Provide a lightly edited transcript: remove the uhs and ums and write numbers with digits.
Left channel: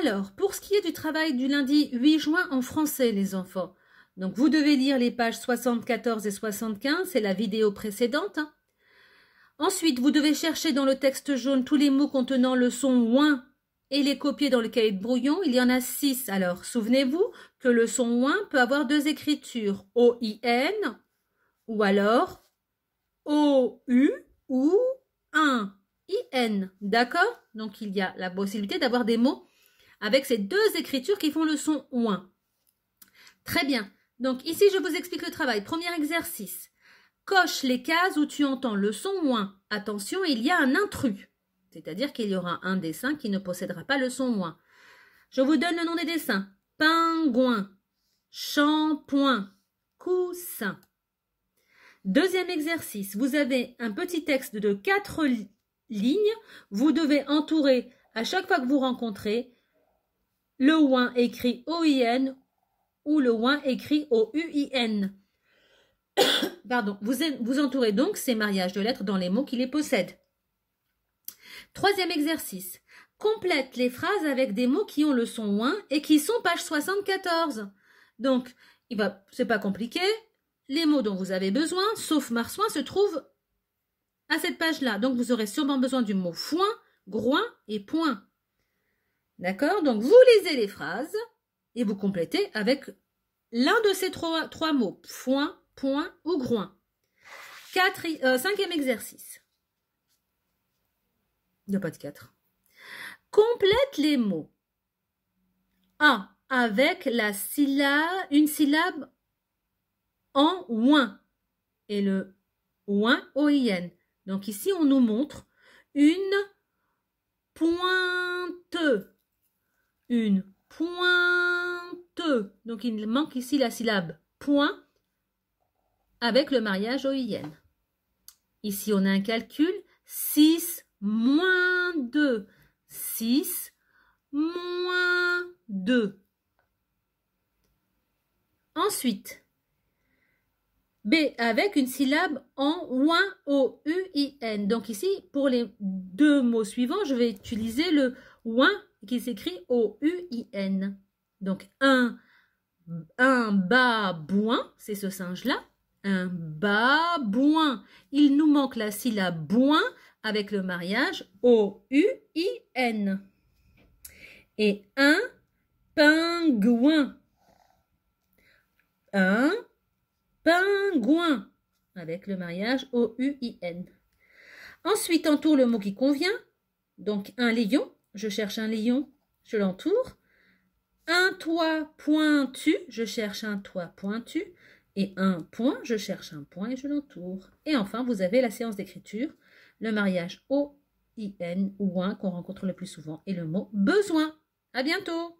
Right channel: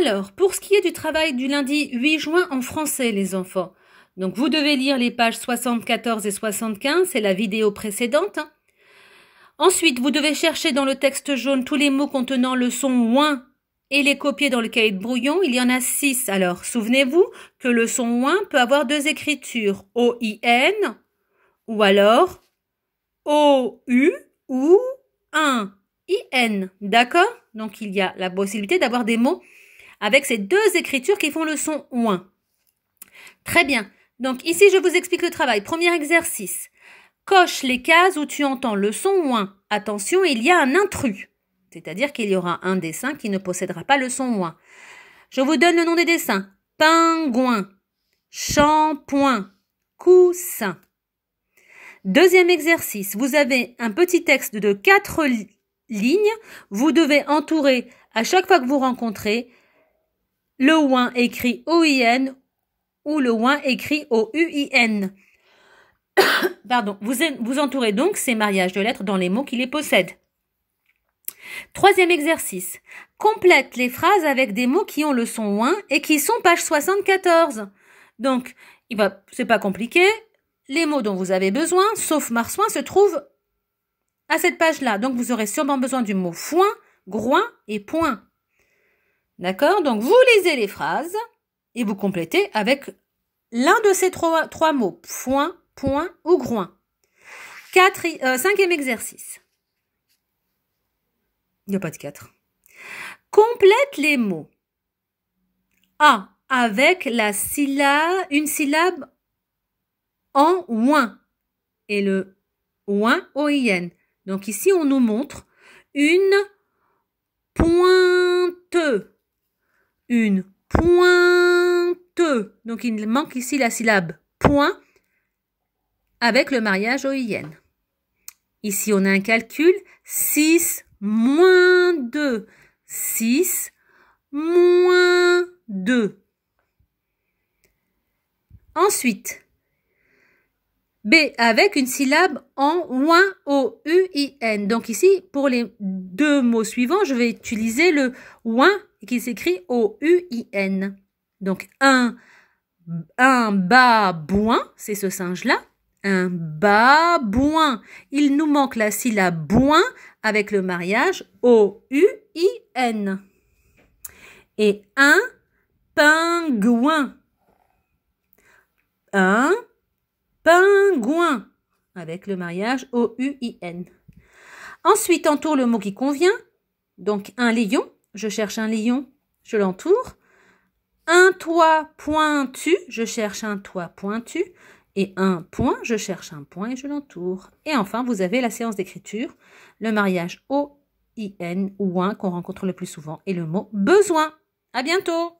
Alors, pour ce qui est du travail du lundi 8 juin en français, les enfants, donc vous devez lire les pages 74 et 75, c'est la vidéo précédente. Ensuite, vous devez chercher dans le texte jaune tous les mots contenant le son ouin et les copier dans le cahier de brouillon. Il y en a 6. Alors, souvenez-vous que le son ouin peut avoir deux écritures, O-I-N ou alors O-U ou un I-N. D'accord? Donc, il y a la possibilité d'avoir des mots avec ces deux écritures qui font le son ouin. Très bien. Donc, ici, je vous explique le travail. Premier exercice. Coche les cases où tu entends le son ouin. Attention, il y a un intrus. C'est-à-dire qu'il y aura un dessin qui ne possédera pas le son ouin. Je vous donne le nom des dessins. Pingouin, shampoing, coussin. Deuxième exercice. Vous avez un petit texte de 4 lignes. Vous devez entourer, à chaque fois que vous rencontrez, le ouin écrit O-I-N ou le ouin écrit O-U-I-N. Pardon, vous entourez donc ces mariages de lettres dans les mots qui les possèdent. Troisième exercice. Complète les phrases avec des mots qui ont le son ouin et qui sont page 74. Donc, c'est pas compliqué. Les mots dont vous avez besoin, sauf marsouin, se trouvent à cette page-là. Donc, vous aurez sûrement besoin du mot foin, groin et point. D'accord? Donc, vous lisez les phrases et vous complétez avec l'un de ces trois mots. Foin, point ou groin. Cinquième exercice. Il n'y a pas de 4. Complète les mots. A avec une syllabe en ouin. Et le ouin O-I-N. Donc ici, on nous montre une pointe. Une pointe. Donc il manque ici la syllabe point avec le mariage O-I-N. Ici, on a un calcul. 6 moins 2. 6 moins 2. Ensuite, B avec une syllabe en ouin, O-U-I-N. Donc ici, pour les deux mots suivants, je vais utiliser le ouin qui s'écrit O-U-I-N. Donc, un babouin, c'est ce singe-là. Un babouin. Il nous manque la syllabe bouin avec le mariage O-U-I-N. Et un pingouin. Un pingouin avec le mariage O-U-I-N. Ensuite, entoure le mot qui convient. Donc, un lion. Je cherche un lion, je l'entoure. Un toit pointu. Je cherche un toit pointu. Et un point, je cherche un point et je l'entoure. Et enfin, vous avez la séance d'écriture, le mariage O-I-N ou ouin qu'on rencontre le plus souvent et le mot besoin. À bientôt!